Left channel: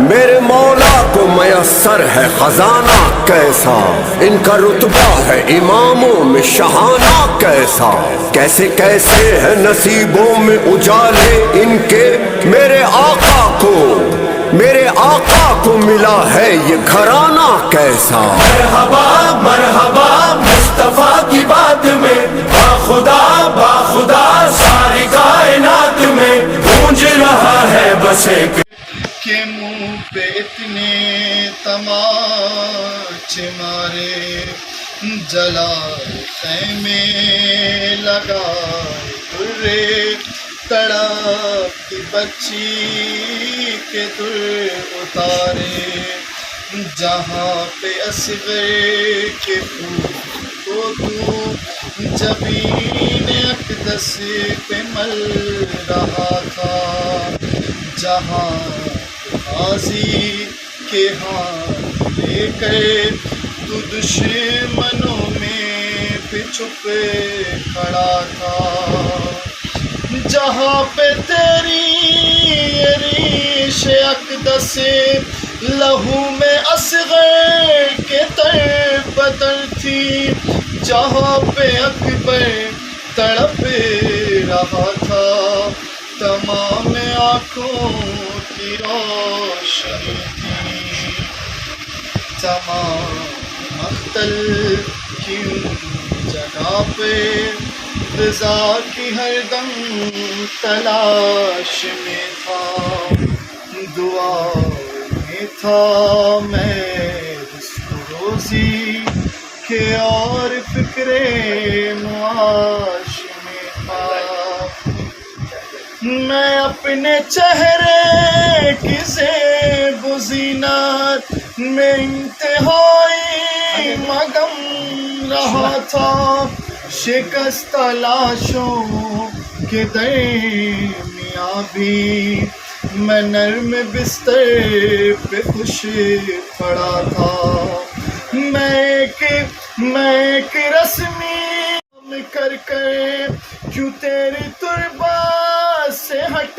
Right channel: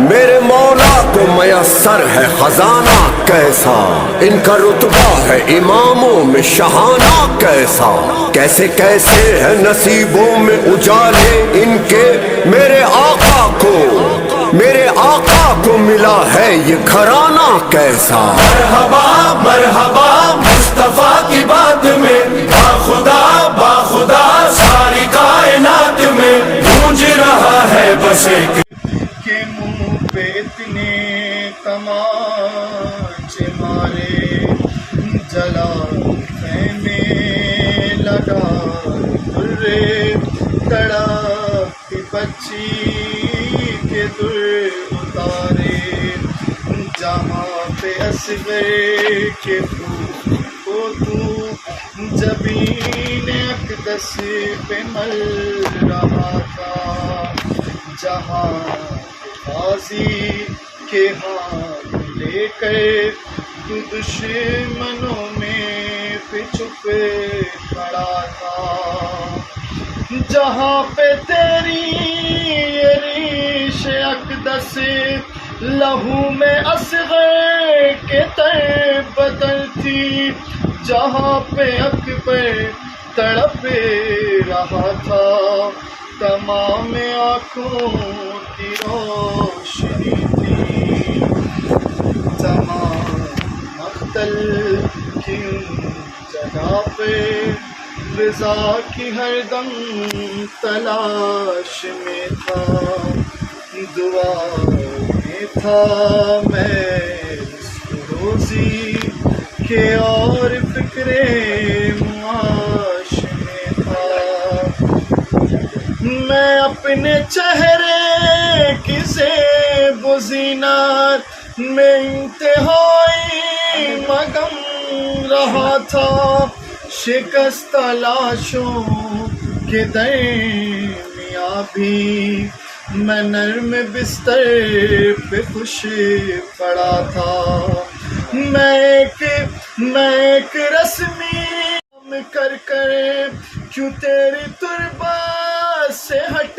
میرے مولا کو میسر ہے خزانہ کیسا ان کا رتبہ ہے اماموں میں شہانہ کیسا کیسے کیسے ہے نصیبوں میں اجالے ان کے میرے آقا کو ملا ہے یہ گھرانہ کیسا مرحبا مرحبا مصطفیٰ کی بات میں باخدا ساری کائنات میں گونج رہا ہے بس ایک کے منہ پہ اتنے تماچے مارے جلال خیمے لگائے درے تڑپ بچی کے در اتارے جہاں پہ اصغر کے پھول کو تو جبین اقدس پہ مل رہا تھا جہاں غازی کے ہاتھ لے کر تو دشمنوں میں پہ چھپ کھڑا تھا جہاں پہ تیری ریش اقدس لہو میں اصغر کے تر بدر تھی جہاں پہ اکبر تڑپ رہا تھا تمام آنکھوں کی روشنی تھی تمام مقتل کی جگہ پہ رضا کی ہر دم تلاش میں تھا دعا میں تھا میں رزق روزی کے اور فکر معاش میں تھا میں اپنے چہرے کی زیب و زینت میں انتہائی مگن رہا تھا شکست لاشوں کے درمیاں بھی میں نرم بستر پہ خوش پڑا تھا میں ایک رسمی کر کیوں تیری تربت سے ہٹ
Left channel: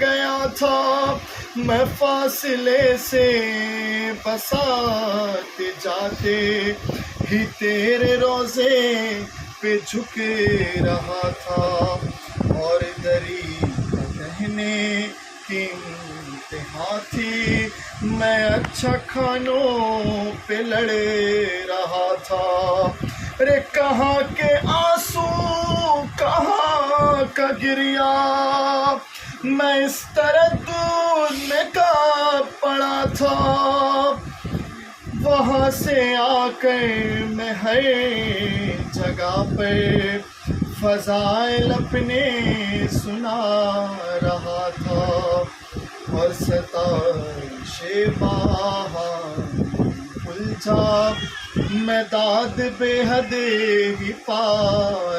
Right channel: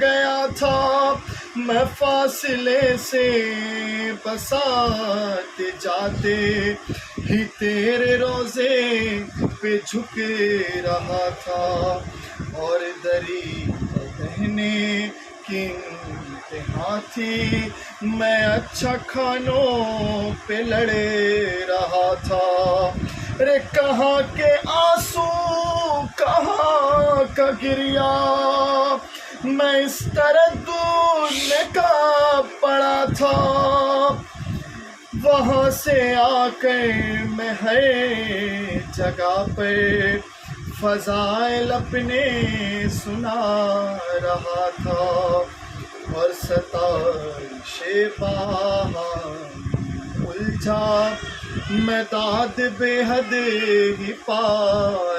گیا تھا میں فاصلے سے بساتے جاتے ہی تیرے روزے پہ جھک رہا تھا اور دری کہنے کی انتہا تھی میں اچھا کھانوں پہ لڑے رہا تھا رے کہاں کے آنسو کہاں کا گریا میں اس تردد میں کا پڑا تھا وہاں سے آ کر میں ہر جگہ پر فضائل اپنے سنا رہا تھا، اور ستائش بہار الجھا میں داد بے حد ہی پا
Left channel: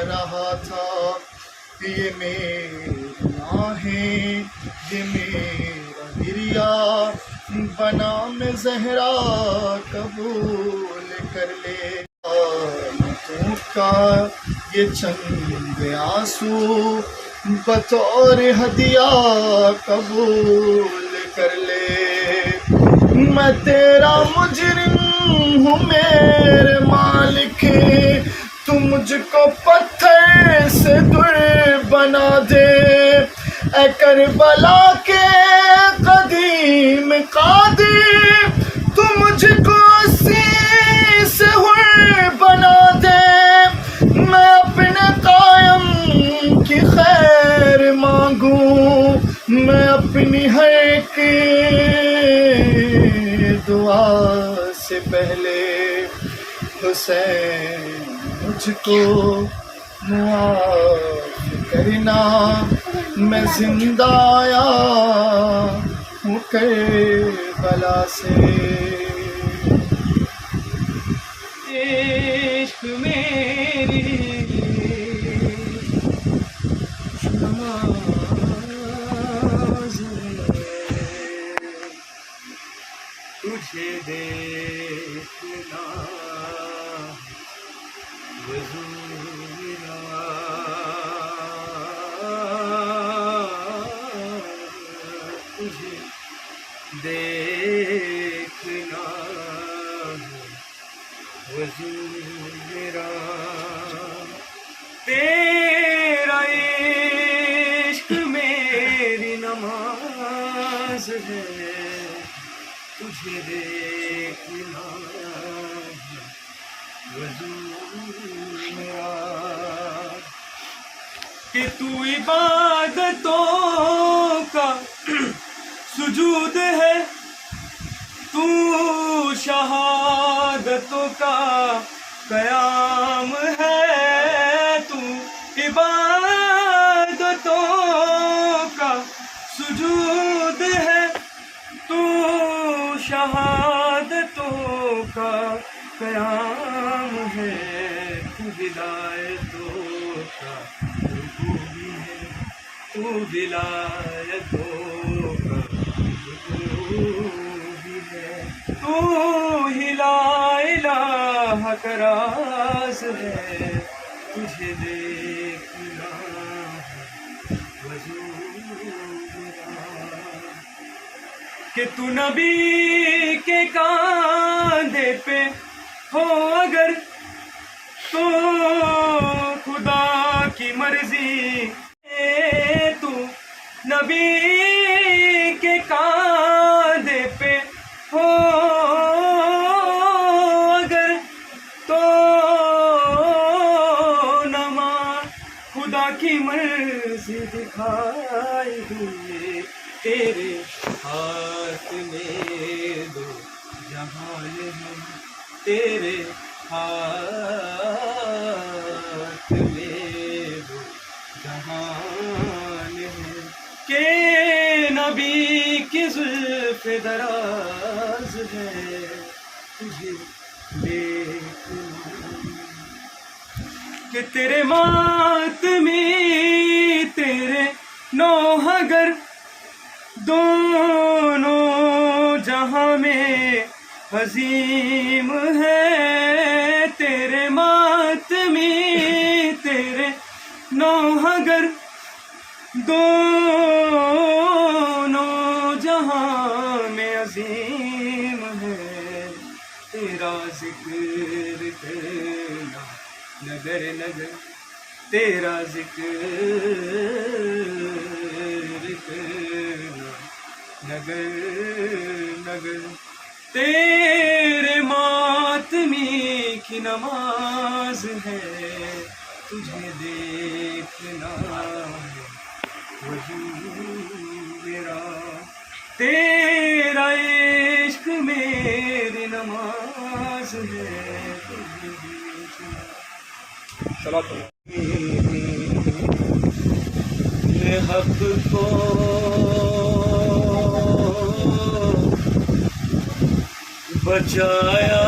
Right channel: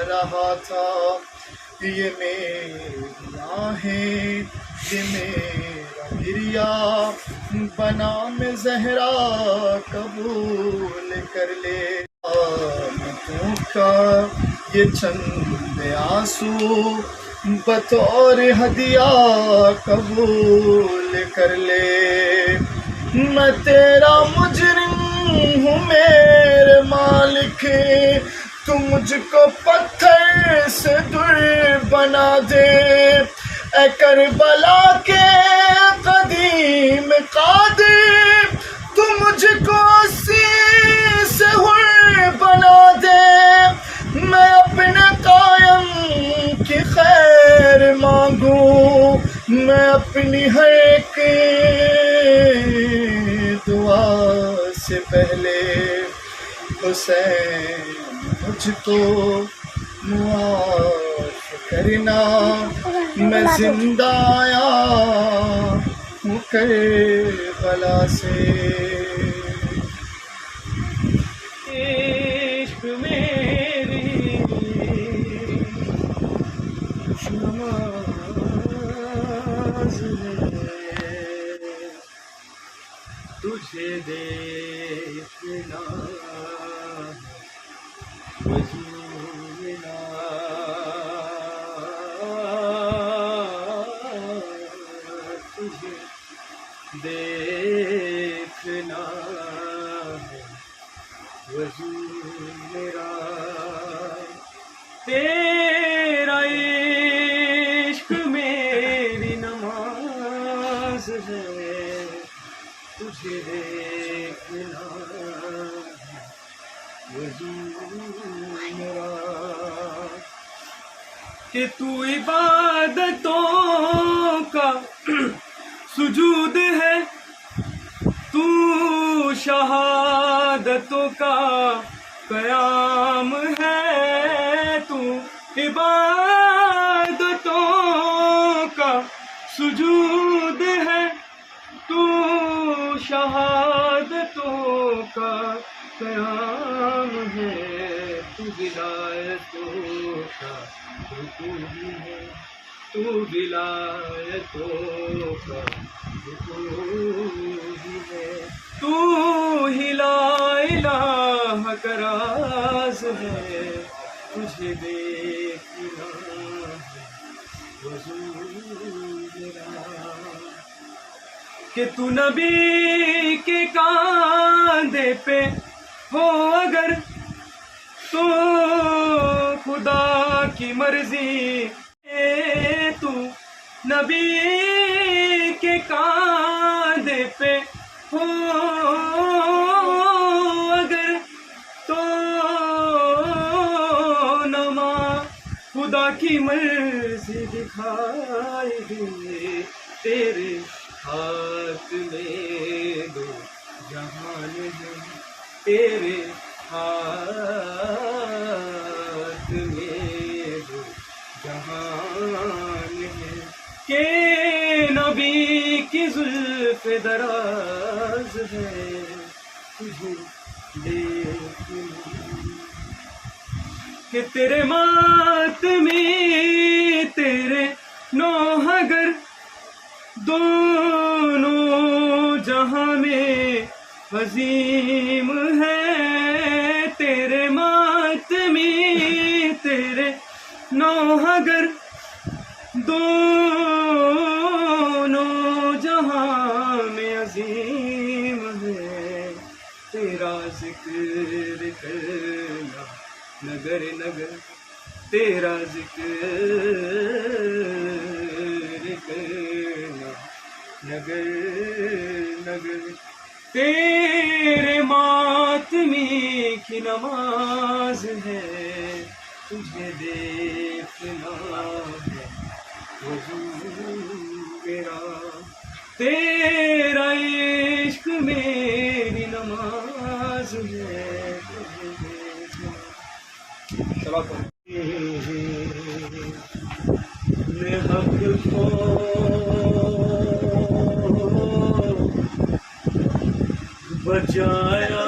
رہا تھا۔ یہ میری آہیں، یہ میرا گریا، بنام زہرا قبول کر لے۔ آمتوں کا یہ چند آنسو بطور ہدیہ قبول کر لے۔ میں تیرا مجرم ہوں میرے مالک، تو مجھ کو پتھر سے در بنا دے۔ اے کربلا کے قدیم قادر، تو مجھ کو اسی سے حر بنا دے۔ میں اپنے قائم کی خیر مانگوں، میں اپنی ہر ایک دعا سے پہلے حسین مجھ کو معاف کرنا، میں زندہ آیا ہوں کربلا سے۔ عشق میری نماز ہے، تجھے دیکھنا وضو میرا، تجھے دیکھنا وضو میرا، تیرا عشق میری نماز ہے، تجھے دیکھنا وضو میرا، کہ تو عبادتوں کا سجود ہے، تو شہادتوں کا قیام ہے، تو عبادتوں کا سجود ہے، تو شہادتوں کا قیام ہے، تو ولایتوں کا رکوع بھی ہے، تو ولایتوں کا رکوع بھی ہے، تو ہی لا الہ کا راز ہے، تجھے دیکھنا وضو میرا، کہ تو نبی کے کاندھے پہ ہو اگر، تو خدا کی مرضی، تو نبی کے کاندھے پہ ہو اگر، تو نما خدا کی مرضی دکھائے گی، تیرے ہاتھ میں دو جہان ہے، تیرے ہاتھ میں دو جہان ہے، کہ نبی کی زلف دراز ہے، تجھے دیکھنا، کہ تیرے ماتمی تیرے نوح اگر، دونوں جہاں میں عظیم ہے، تیرے ماتمی تیرے نوح اگر، دونوں جہاں میں عظیم ہے، تیرا ذکر کرنا نگر نگر، تیرا ذکر کرنا نگر نگر، تیرے ماتمی کی نماز ہے، تجھے دیکھنا وضو میرا، تیرا عشق میری نماز ہے نے حق کو بچایا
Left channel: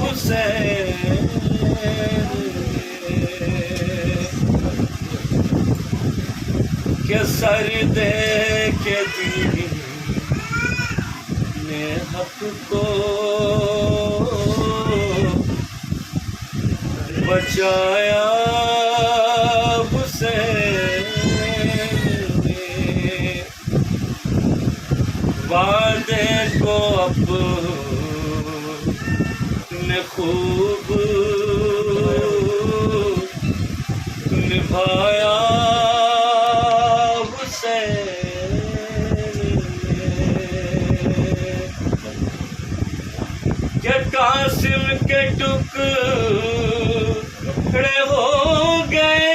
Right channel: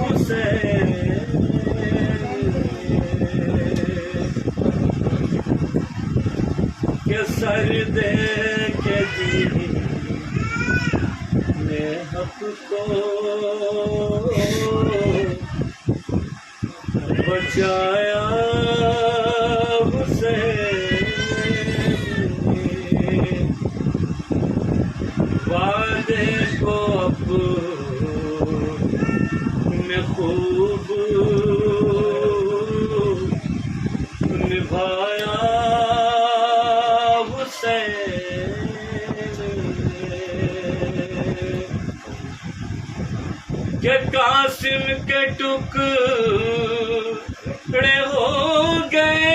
حسین کہ سر دے کے دین نے حق کو بچایا حسین نے وعدے کو اپنے خوب نبھایا حسین کہ قاسم کے ٹکڑے ہو گئے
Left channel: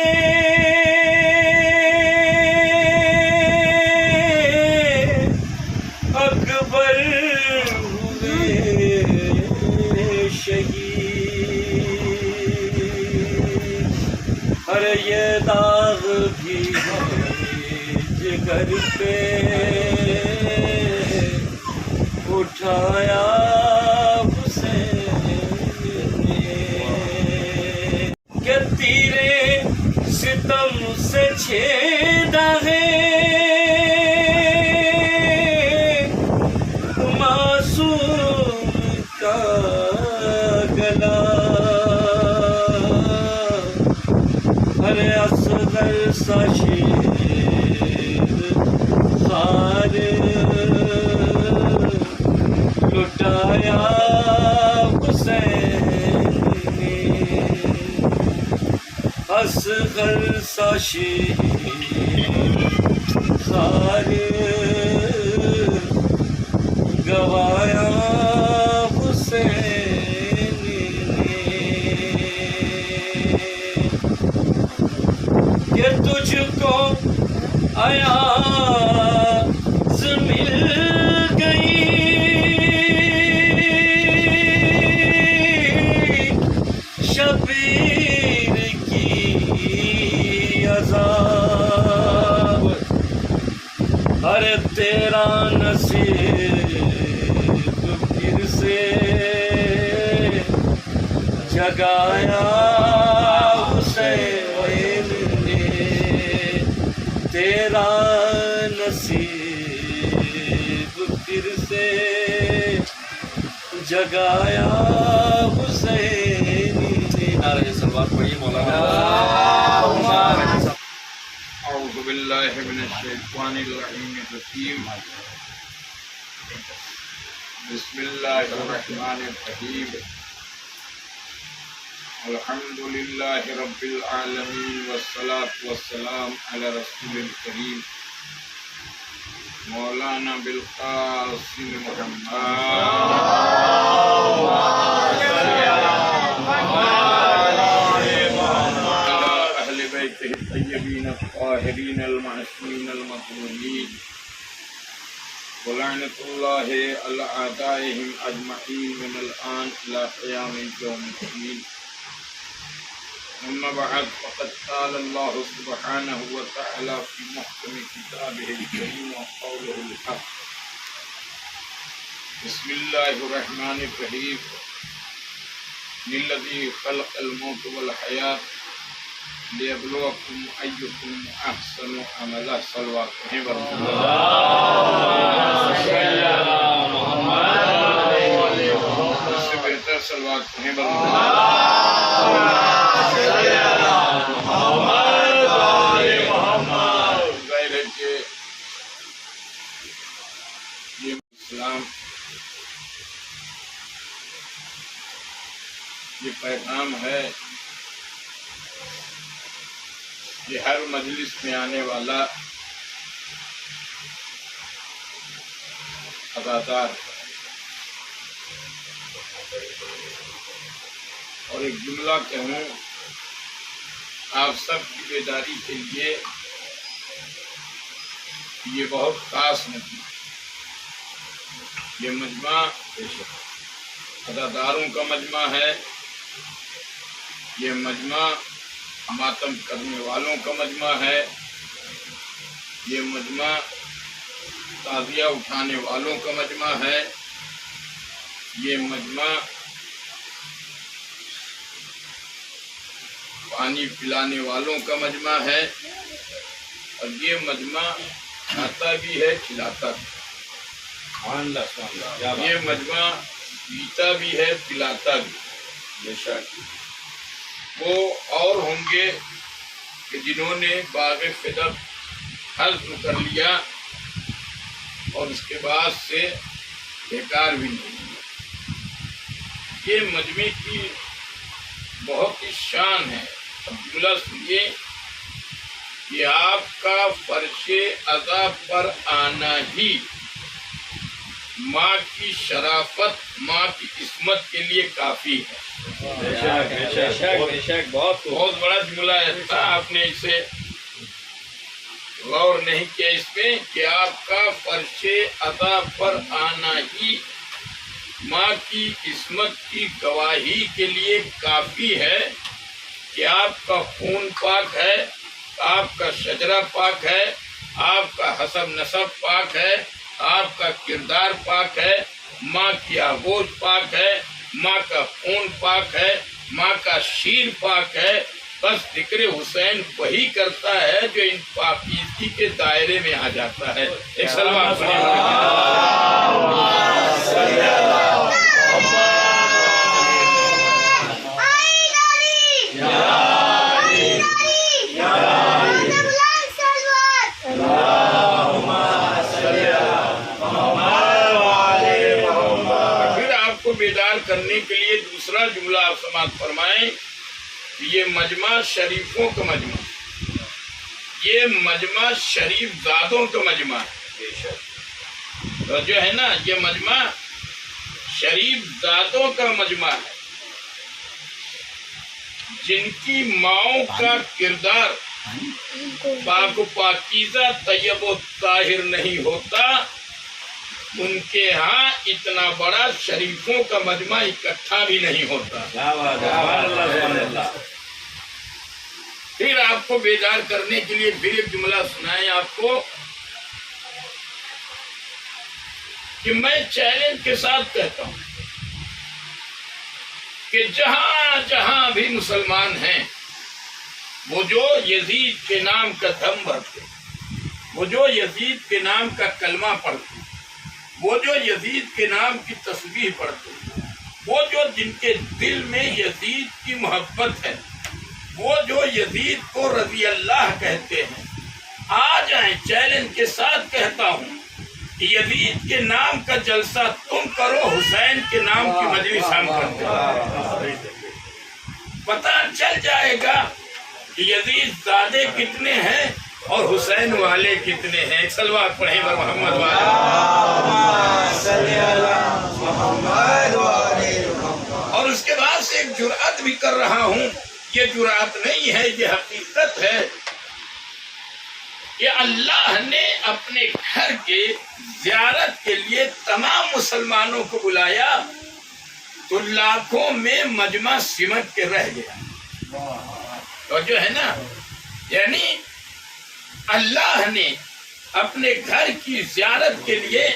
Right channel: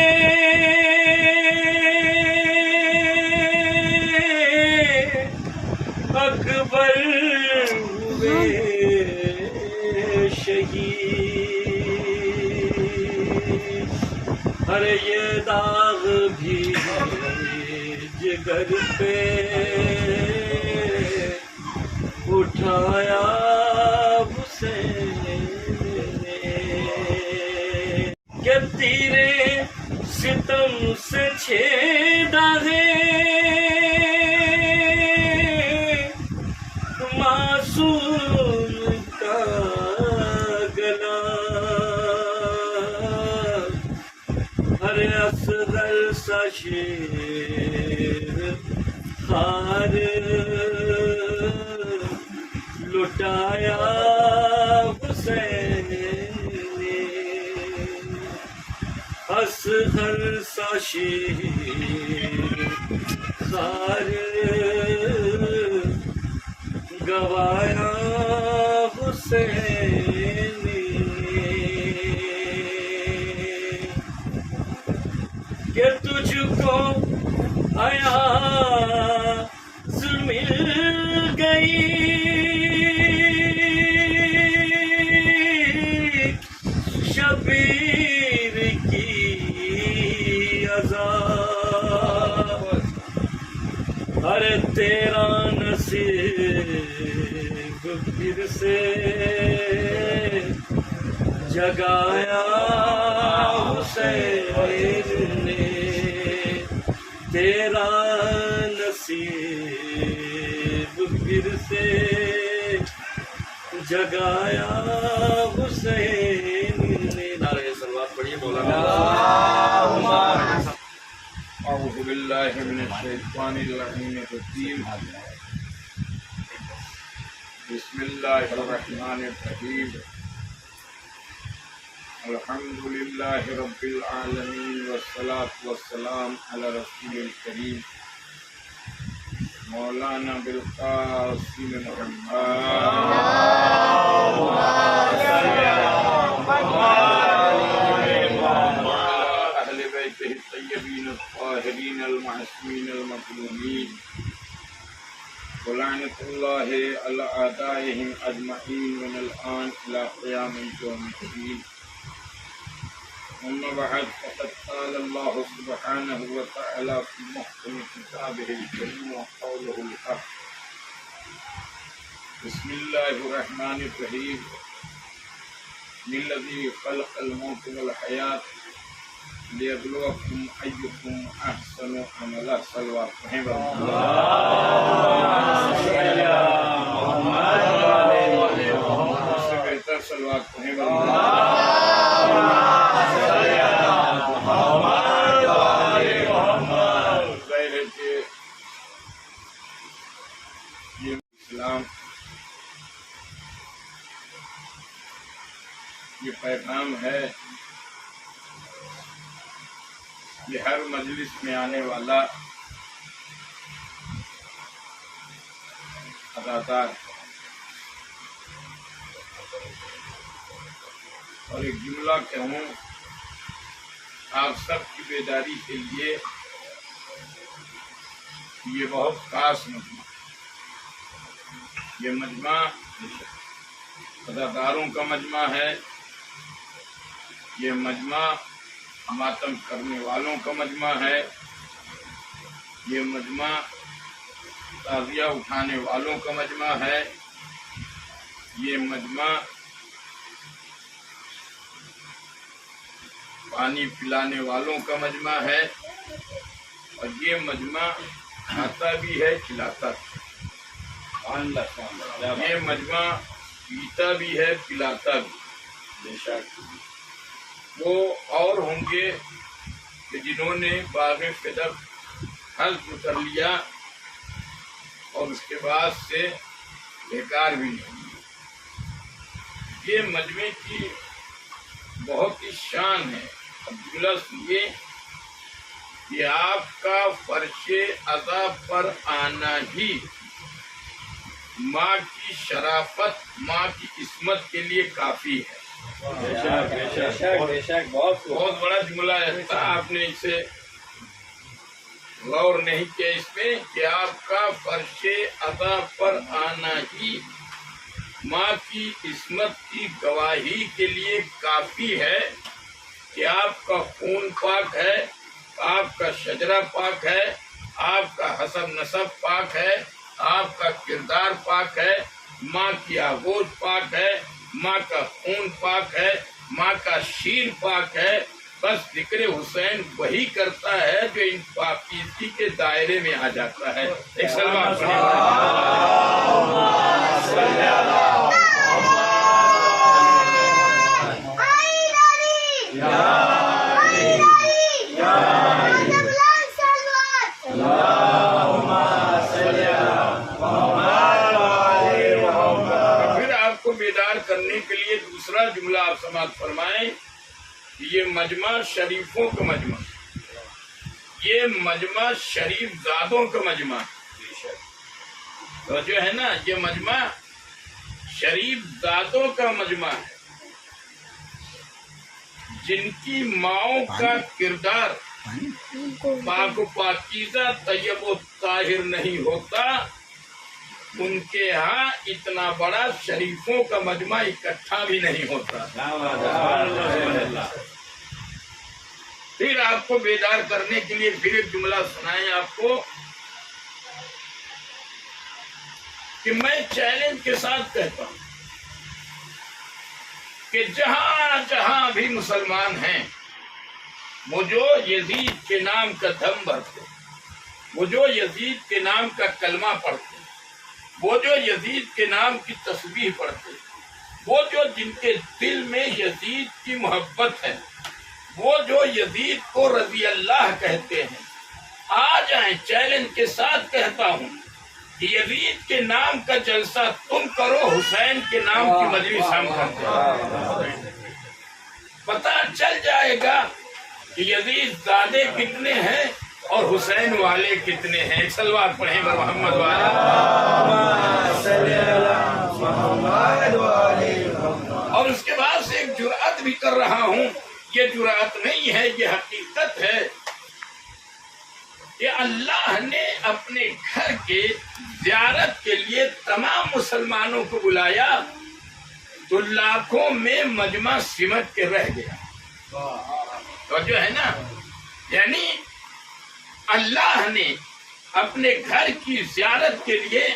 اکبر ہوئے شہید ہر یہ داغ بھی جگر پہ اٹھایا حسین نے کہ تیرے ستم سے چھیدا ہے معصوم کا گلا ہر اصغر سا شیر خار لٹایا حسین نے اصغر سا شیر خار گوایا حسین نے کہ تجھ کو ایاز مل گئی شبیر کی عذاب ارے تیرا نصیب پھر سے جگایا حسین نے تیرا نصیب پھر سے جگایا حسین نے نعرہ صلوات پڑھیے مولانا اعوذ باللہ من الشیطان اللعین الرجیم بسم اللہ الرحمن الرحیم الحمد للہ رب العالمین والصلاة والسلام علی رسول الکریم مولانا بالقاسم الطيبين الطاهرين المعصومين المظلومين ولعنة الله على أعدائهم أجمعين من الآن إلى قيام يوم الدين أما بعد فقد قال الله سبحانه وتعالى في محكم كتابه الكريم وقوله الحق بسم الله الرحمن الرحيم الذي خلق الموت والحياة ليبلوكم أيكم أحسن عملا صلوات محمد سے بہتر صلوات محمد ظاہر ہے کہ یہ اسلام یہ پیغام ہے یہ ہر مجلس میں آنے والا ادادار اور ایک جملہ کہوں آپ سب کی بیداری کے لیے یہ بہت خاص نہیں یہ مجمع اداداروں کا مجمع ہے، یہ مجمع ماتم کرنے والوں کا مجمع ہے، یہ مجمع تعزیہ اٹھانے والوں کا مجمع ہے، یہ مجمع پانی پلانے والوں کا مجمع ہے، اور یہ مجمع کھاتا بھی ہے کھلاتا بھی ہے، یہ مجمع پیتا بھی ہے پلاتا بھی۔ وہ اور ہوں گے کہ جنہوں نے باغ فدق حلف کر لیا اور اس کے بعد سے بیکار بھی نہیں ہوا۔ یہ مجمع کی بہت ہی شان ہے۔ اب جملہ سنیے کہ آپ کا فرش ادا پر آنا ہی ماں کی شرافت، ماں کی عصمت کے لیے کافی ہے۔ بہت بڑا جملہ ہے، آپ نے اسے غور نہیں کیا اس میں کہ آپ کا فرش ادا پر آنا ہی ماں کی عصمت کی گواہی کے لیے کافی ہے کہ آپ کا خون پاک ہے، آپ کا شجرہ پاک ہے، آپ کا حسب نسب پاک ہے، آپ کا کردار پاک ہے، ماں کی آغوش پاک ہے، ماں کا خون پاک ہے، ماں کا شیر پاک ہے۔ بس ذکر حسین وہی کرتا ہے جو ان پاکیزگی کے دائرے میں آ جاتا ہے۔ ایک سلوات بیدار کرنے کے لیے دوسرا جملہ آپ سماعت فرمائیں کہ یہ مجمع شریفوں کا مجمع، یہ مجمع شریف زادوں کا مجمع ہے۔ تو جو ہے نا یہ مجمع شریف زادوں کا مجمع ہے، جن کی ماؤں کا کردار پاک و پاکیزہ طیب و طاہر نہیں ہوتا، ان کے ہاں اتنا بڑا شریفوں کا مجمع اکٹھا بھی نہیں ہوتا۔ پھر آپ کو بیدار کرنے کے لیے پھر ایک جملہ سنائیں آپ کو کہ میں چیلنج کے ساتھ کہتا ہوں کہ جہاں جہاں بھی مسلمان ہیں، وہ جو یزید کے نام کا دم بھرتے، وہ جو یزید کے نام کا کلمہ پڑھتے، وہ جو یزید کے نام کی تسبیح پڑھتے، وہ جو جن کے دل میں یزید کی محبت ہے، وہ جو یزید کو رضی اللہ کہتے ہیں، آ جائیں۔ چیلنج کے ساتھ کہتا ہوں کہ یزید کے نام کا جلسہ تم کرو، حسین کے نام کی مجلس ہم کرتے ہیں۔ پتہ چل جائے گا کہ یزید زادے کتنے ہیں اور حسین والے کتنے ہیں۔ صلوات پڑھیں بر محمد والے۔ اور اس کے بعد سے ایک جرأت بھی کر رہا ہوں، یہ جرأت نہیں ہے، یہ حقیقت ہے کہ اللہ نے اپنے گھر کے زیارت کے لیے تمام مسلمانوں کو بلایا تو لاکھوں میں مجمع سمٹ کے رہ گیا۔ تو جو ہے نا یعنی اللہ نے اپنے گھر کی زیارت کے لیے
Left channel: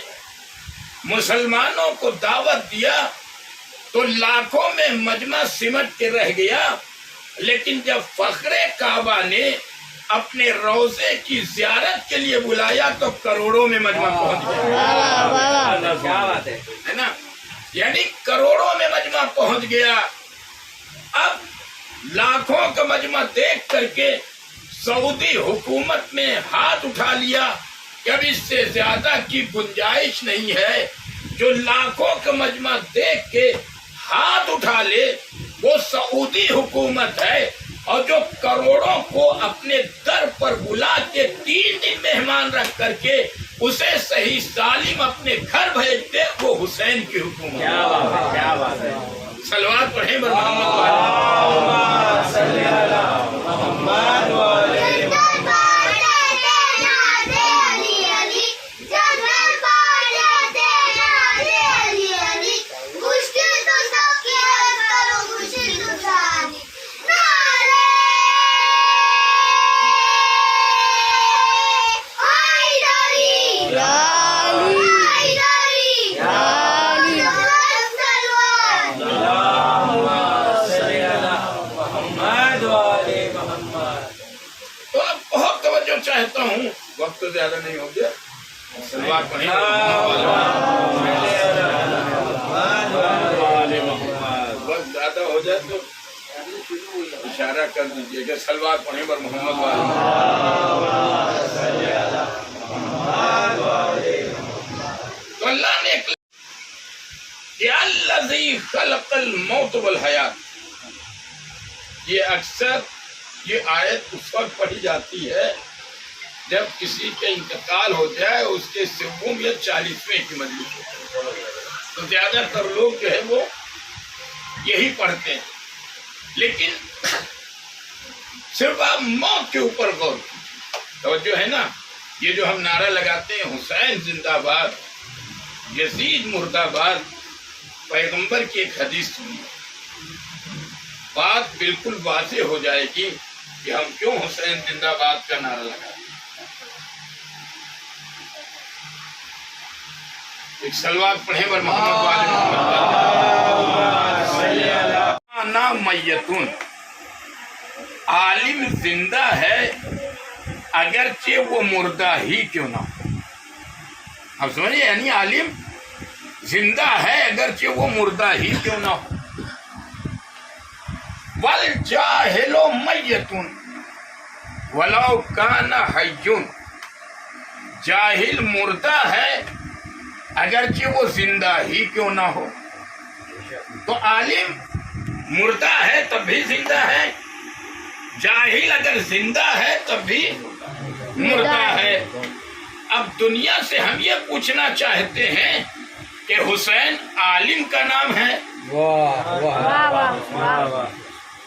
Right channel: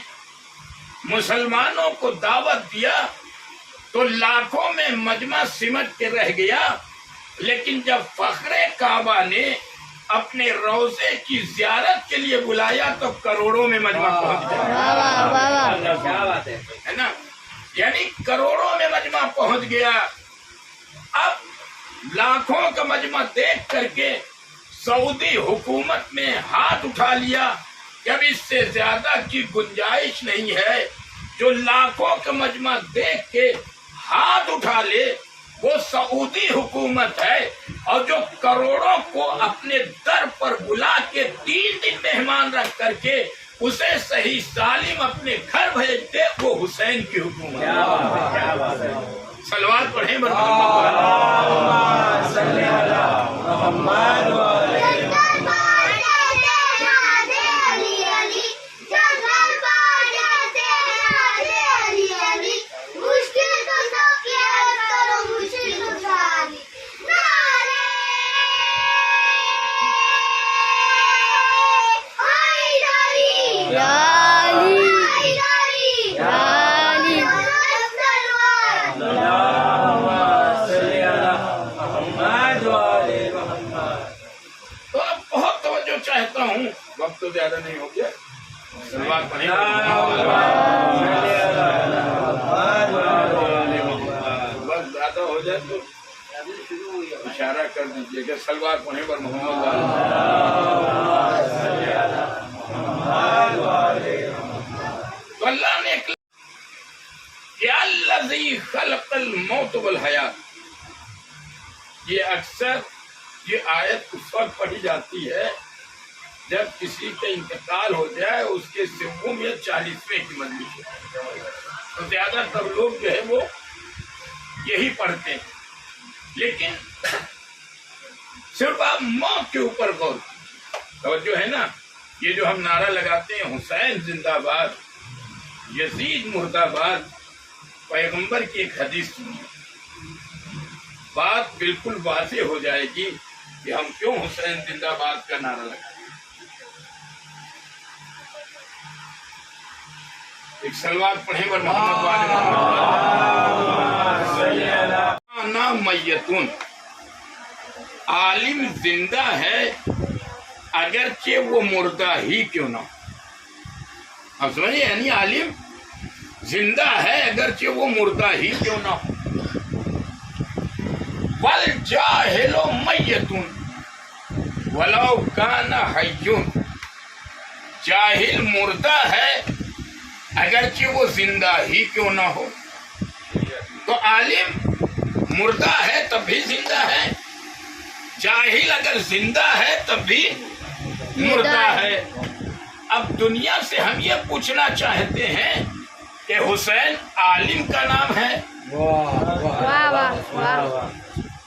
مسلمانوں کو دعوت دیا تو لاکھوں میں مجمع سمٹ کے رہ گیا، لیکن جب فخر کعبہ نے اپنے روضے کی زیارت کے لیے بلایا تو کروڑوں میں مجمع پہنچ گیا، ہے نا، یعنی کروڑوں میں مجمع پہنچ گیا۔ اب لاکھوں کا مجمع دیکھ کر کے سعودی حکومت نے ہاتھ اٹھا لیا کہ اب اس سے زیادہ کی گنجائش نہیں ہے۔ جو لاکھوں کا مجمع دیکھ کے ہاتھ اٹھا لے وہ سعودی حکومت ہے، اور جو کروڑوں کو اپنے در پر بلا کے 3 دن مہمان رکھ کر کے اسے صحیح سالم اپنے گھر بھیج دے، وہ حسین کی حکومت ہے۔ کیا بات ہے، صلوات پڑھیں بر محمد والے۔ زیادہ نہیں ہو گیا سلوات پڑھیں وقت زیادہ ہو جائے تو اشارہ کر دیجیے گا سلوات پڑھیں پر محمد تو اللہ نے الذی خلق الموت والحیات، یہ اکثر یہ آیت اس وقت پڑھی جاتی ہے جب کسی کا انتقال ہو جائے اس کے 90 یا 40ویں کی مجلس ہو، تو زیادہ تر لوگ جو ہے وہ یہی پڑھتے ہیں، لیکن صرف آپ موت کے اوپر غور کیجیے، توجہ ہے نا، یہ جو ہم نعرہ لگاتے ہیں حسین زندہ باد، یزید مردہ باد، پیغمبر کی ایک حدیث سنی، بات بالکل واضح ہو جائے گی کہ ہم کیوں حسین زندہ باد کا نعرہ لگاتے ہیں۔ ایک سلوات پڑھیں بر محمد والے انا میتون، عالم زندہ ہے اگرچہ وہ مردہ ہی کیوں نہ ہو، آپ سمجھے، یعنی عالم زندہ ہے اگرچہ وہ مردہ ہی کیوں نہ ہو۔ والجاہل میت ولو کان حی، جاہل مردہ ہے اگرچہ وہ زندہ ہی کیوں نہ ہو، تو عالم مردہ ہے تب بھی زندہ ہے، جاہل اگر زندہ ہے تب بھی مردہ ہے۔ اب دنیا سے ہم یہ پوچھنا چاہتے ہیں کہ حسین عالم کا نام ہے،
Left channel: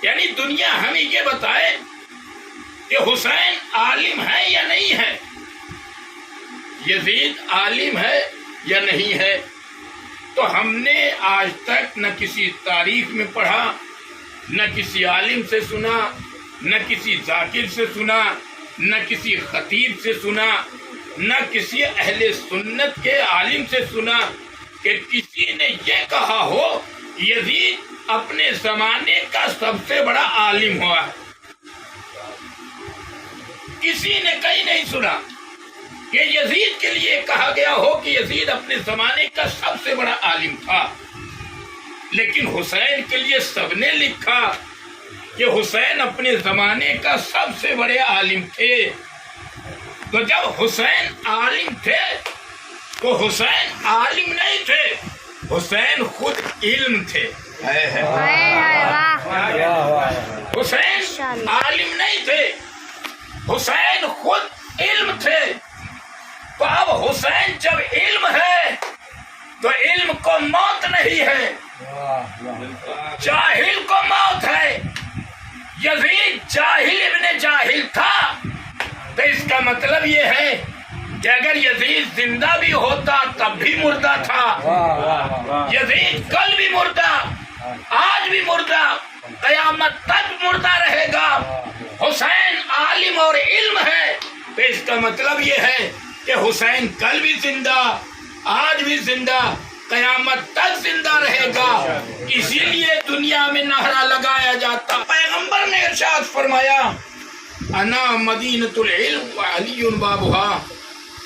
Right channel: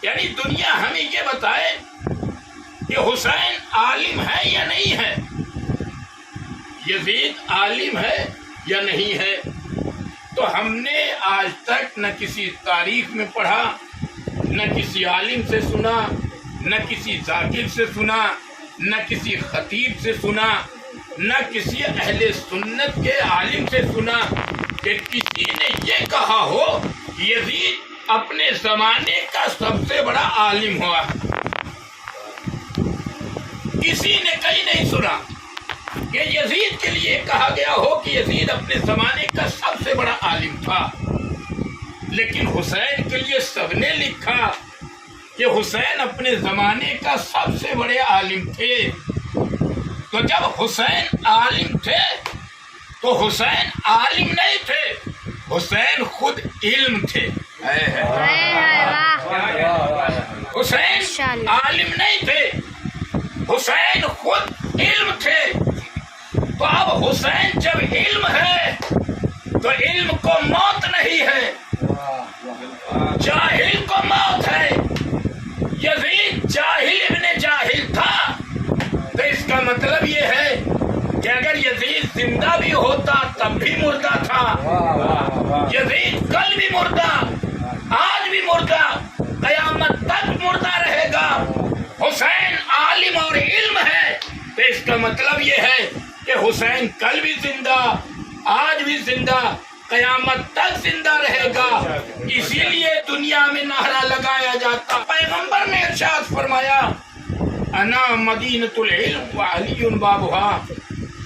یعنی دنیا ہمیں یہ بتائے کہ حسین عالم ہے یا نہیں ہے، یزید عالم ہے یا نہیں ہے۔ تو ہم نے آج تک نہ کسی تاریخ میں پڑھا، نہ کسی عالم سے سنا، نہ کسی ذاکر سے سنا، نہ کسی خطیب سے سنا، نہ کسی اہل سنت کے عالم سے سنا کہ کسی نے یہ کہا ہو یزید اپنے زمانے کا سب سے بڑا عالم ہوا۔ کسی نے کہیں نہیں سنا کہ یزید کے لیے کہا گیا ہو کہ یزید اپنے زمانے کا سب سے بڑا عالم تھا، لیکن حسین کے لیے سب نے لکھا کہ حسین اپنے زمانے کا سب سے بڑے عالم تھے۔ تو جب حسین عالم تھے تو حسین عالم نہیں تھے، حسین خود علم تھے۔ حسین عالم نہیں تھے، حسین خود علم تھے۔ تو اب حسین جب علم ہے تو علم کو موت نہیں ہے، جاہل کو موت ہے۔ یزید جاہل ابن جاہل تھا، تو اس کا مطلب یہ ہے کہ اگر یزید زندہ بھی ہوتا تب بھی مردہ تھا، یزید کل بھی مردہ، آج بھی مردہ، قیامت تک مردہ رہے گا۔ حسین عالم اور علم ہے، تو اس کا مطلب یہ ہے کہ حسین کل بھی زندہ، آج بھی زندہ، قیامت تک زندہ رہے گا۔ اسی لیے دنیا میں نعرہ لگایا جاتا۔ پیغمبر نے ارشاد فرمایا انا مدینۃ العلم وعلی بابھا،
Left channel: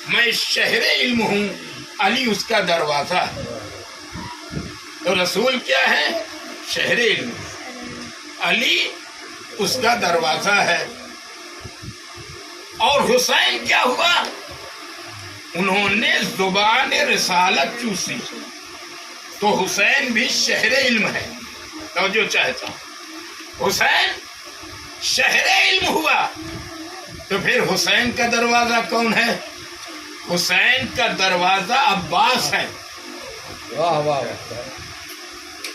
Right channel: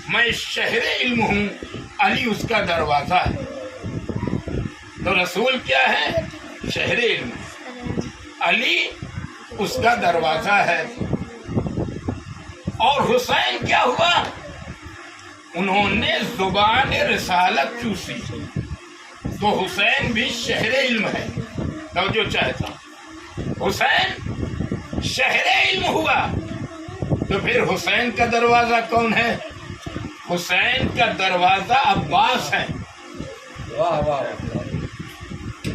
میں شہر علم ہوں، علی اس کا دروازہ ہے۔ تو رسول کیا ہے؟ شہر علم، علی اس کا دروازہ ہے۔ اور حسین کیا ہوا؟ انہوں نے زبان رسالت چوسی، تو حسین بھی شہر علم ہے۔ توجہ چاہتا ہوں، حسین شہر علم ہوا، تو پھر حسین کا دروازہ کون ہے؟ حسین کا دروازہ عباس ہے۔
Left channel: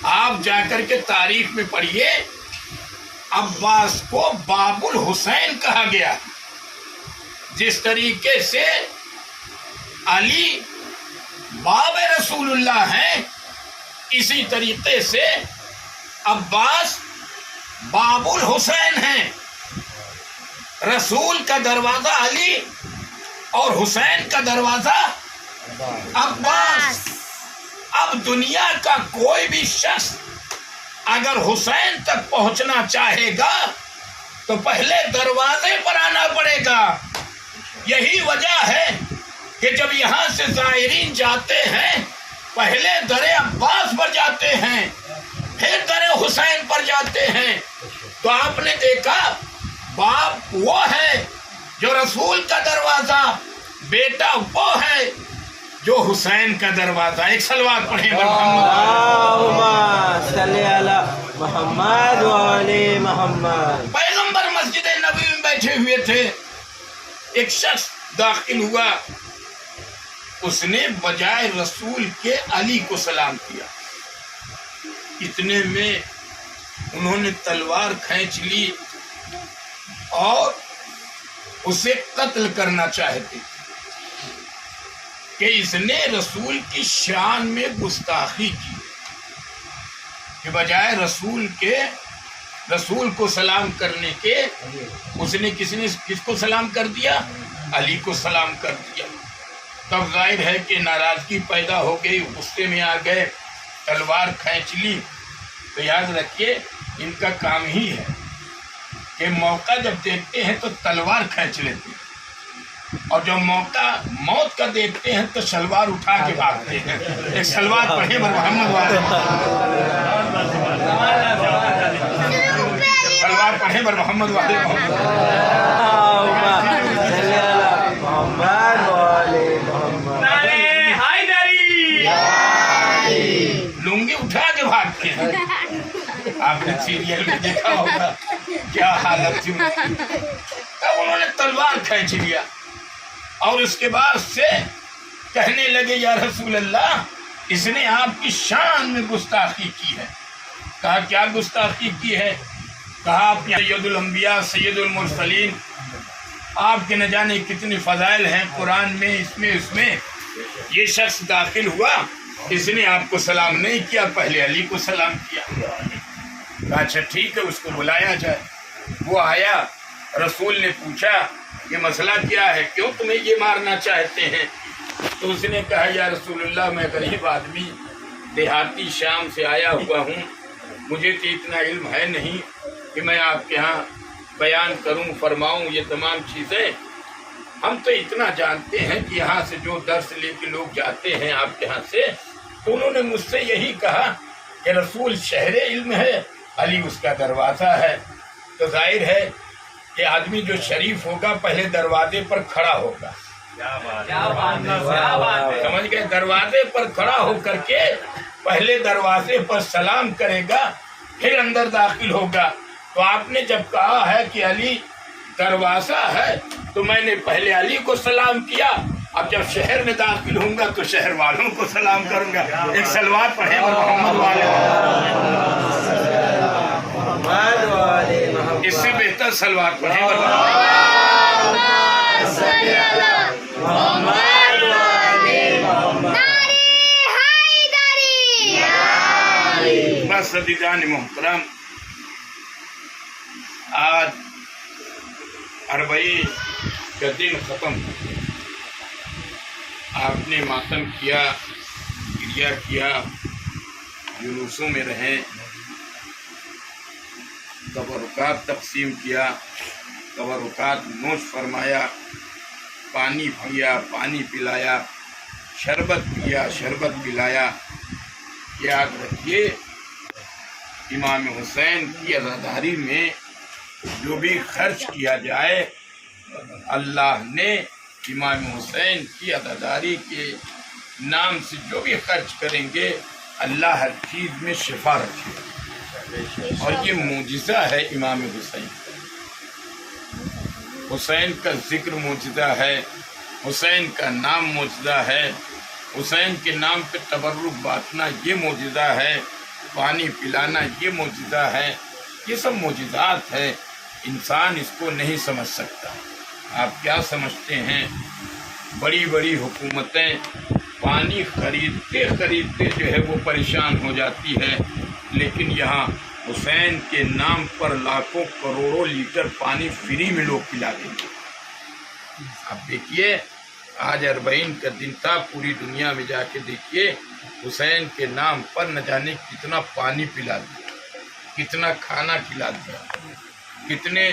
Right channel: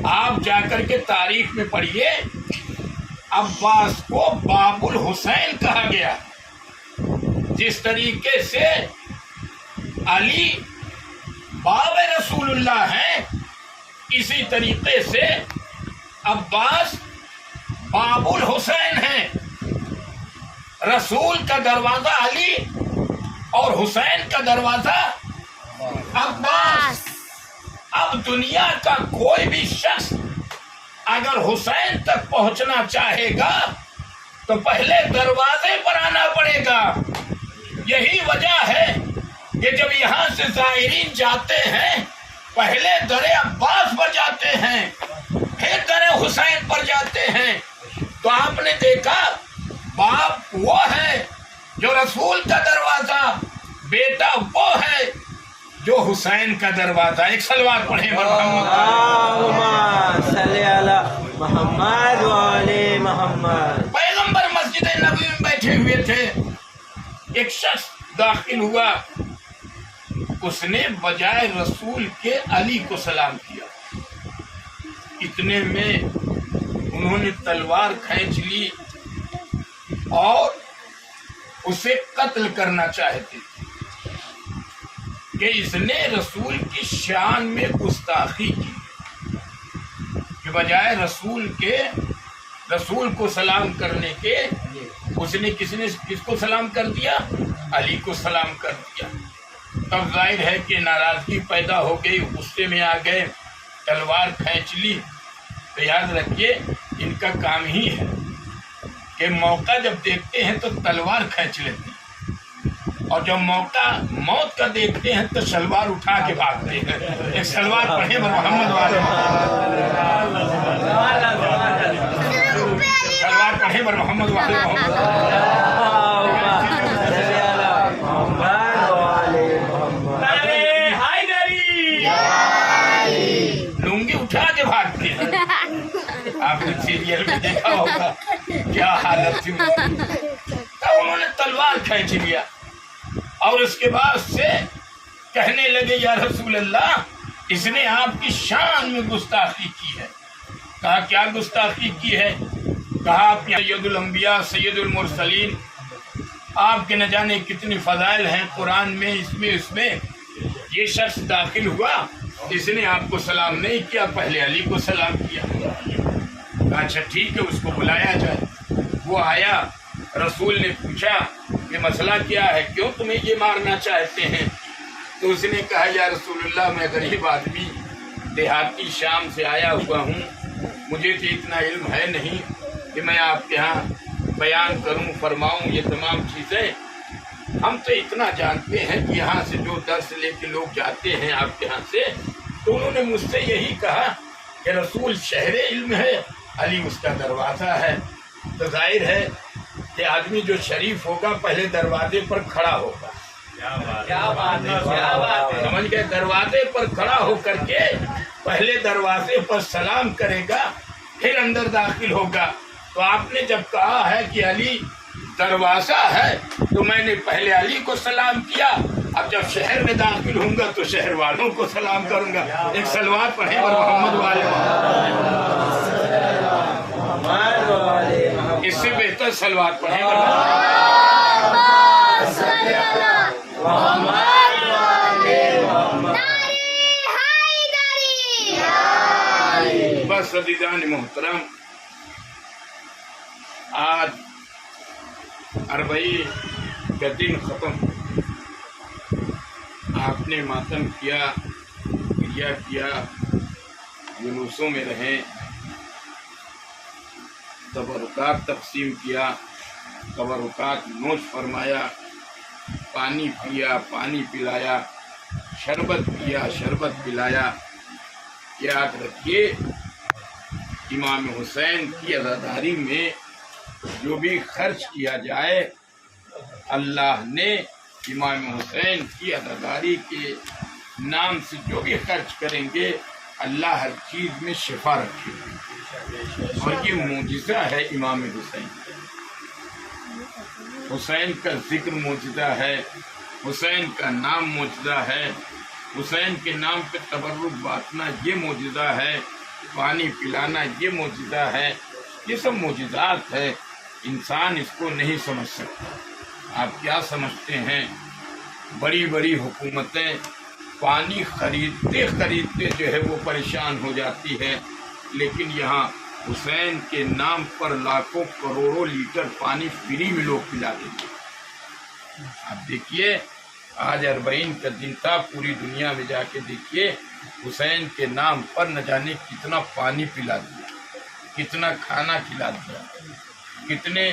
آپ جا کر کے تاریخ میں پڑھیے، عباس کو باب الحسین کہا گیا۔ جس طریقے سے علی باب رسول اللہ ہیں، اسی طریقے سے عباس باب الحسین ہیں۔ رسول کا دروازہ علی اور حسین کا دروازہ عباس۔ اب دنیا کا کوئی بھی شخص اگر حسین تک پہنچنا چاہے گا تو پہلے دروازے پر آنا پڑے گا، یہی وجہ ہے کہ جب یہاں سے زائرین جاتے ہیں پہلے در عباس پر جاتے ہیں، پھر در حسین پر جاتے ہیں، تو آپ نے دیکھا باپ وہ ہے جو رسول کا دروازہ، بیٹا وہ ہے جو حسین کا دروازہ۔ ایک صلوات پڑھیں اللہم صلی علی محمد وعلی محمد۔ پیغمبر مسجد نبوی میں بیٹھے ہوئے تھے، ایک شخص داخل ہوا، اس نے بجائے رسول کے علی کو سلام کیا، اتنے میں انہوں نے تلوار کھینچ لی اور اسے قتل کرنا چاہتے کہ اس نے رسول کی شان میں گستاخی کی، کہ بجائے رسول کو سلام کرنے کے اس نے کس کو سلام کر دیا؟ علی کو سلام کر دیا۔ تب ظاہر ہے کہ ناراضگی پیدا ہو گئی، غصے میں آ گئے، تلوار کھینچ لی۔ تو یاد رکھیے ان کا کام ہی ہے کہ موقع جب دیکھتے ہیں تو تلوار کھینچ لیتے ہیں، اور جب موقع موت کا دیکھتے ہیں تو شلوار اٹھا کے بھاگتے ہیں۔ ایک شلوار پڑھیں بر محمد والے شلوار پڑھیں بر محمد والے لنگی اٹھا کے بھاگتے ہیں۔ آپ نے سیریل میں دیکھا ہوگا کیا حالت تھی، تب انہوں نے تلوار کھینچ لیا اور اس کے بعد سے کہنے لگے یا رسول اللہ اس نے آپ کی شان میں گستاخی کی ہے۔ کہا کیا گستاخی کی ہے؟ کہا آپ سید الانبیاء سید المرسلین، آپ کے نہ جانے کتنے فضائل ہیں قرآن میں، اس میں یہ شخص داخل ہوا، اس نے آپ کو سلام نہیں کیا، پہلے علی کو سلام کیا۔ کہا اچھا ٹھیک ہے، اس کو بلایا جائے۔ وہ آیا، رسول نے پوچھا کہ مسئلہ کیا ہے، کیوں تمہیں یہ مارنا چاہتے ہیں؟ تو اس نے کہا یا رسول اللہ میں غریب آدمی دیہاتی شام سے آیا ہوا ہوں، مجھے تو اتنا علم ہے نہیں کہ میں آپ کے ہاں بیان کروں فرماؤں یہ تمام چیزیں۔ ہم تو اتنا جانتے ہیں کہ یہاں سے جو درس لے کے لوگ جاتے ہیں آپ کے ہاں سے، تو انہوں نے مجھ سے یہی کہا کہ رسول شہر علم ہے، علی اس کا دروازہ ہے۔ تو ظاہر ہے کہ آدمی جو شریف ہوگا پہلے دروازے پر کھڑا ہوگا، سمجھ گئے؟ دروازے پر کھڑا ہو کر کے پہلے دروازے پر سلام کرے گا، پھر اندر داخل ہوگا۔ تو آپ نے جب کہا ہے کہ علی دروازہ ہے تو میں نے پہلے علی کو سلام کیا، اب جب شہر میں داخل ہوں گا تو شہر والوں کو سلام کروں گا۔ ایک صلوات پڑھیں بر محمد والے۔ اس سے بہتر صلوات پڑھیں بر بس عزیزان محترم، آج اربعین کا دن ختم، آپ نے ماتم کیا، گریہ کیا، جلوسوں میں رہے، تبرکات تقسیم کیا، تبرکات نوش فرمایا، پانی پیا، پانی پلایا، شربت پیا، شربت پلایا۔ یاد رکھیے امام حسین کی عزاداری میں جو بھی خرچ کیا جائے، اللہ نے امام حسین کی عزاداری کے نام سے جو بھی خرچ کریں گے اللہ ہر چیز میں شفا رکھے گا، اور یہ معجزہ ہے امام حسین۔ حسین کا ذکر معجزہ ہے، حسین کا نام معجزہ ہے، حسین کے نام پہ تبرک بانٹنا یہ معجزہ ہے، پانی پلانا یہ معجزہ ہے۔ یہ سب معجزات ہے، انسان اس کو نہیں سمجھ سکتا۔ آپ کیا سمجھتے ہیں؟ بڑی بڑی حکومتیں پانی خریدتے جو ہے وہ پریشان ہو جاتی ہے، لیکن یہاں حسین کے نام پر لاکھوں کروڑوں لیٹر پانی فری میں لوگ پلا دیں گے۔ آپ دیکھیے آج اربعین کا دن تھا، پوری دنیا میں جا کے دیکھیے حسین کے نام پر نہ جانے کتنا پانی پلا دیا، کتنا کھانا کھلا دیا، کتنے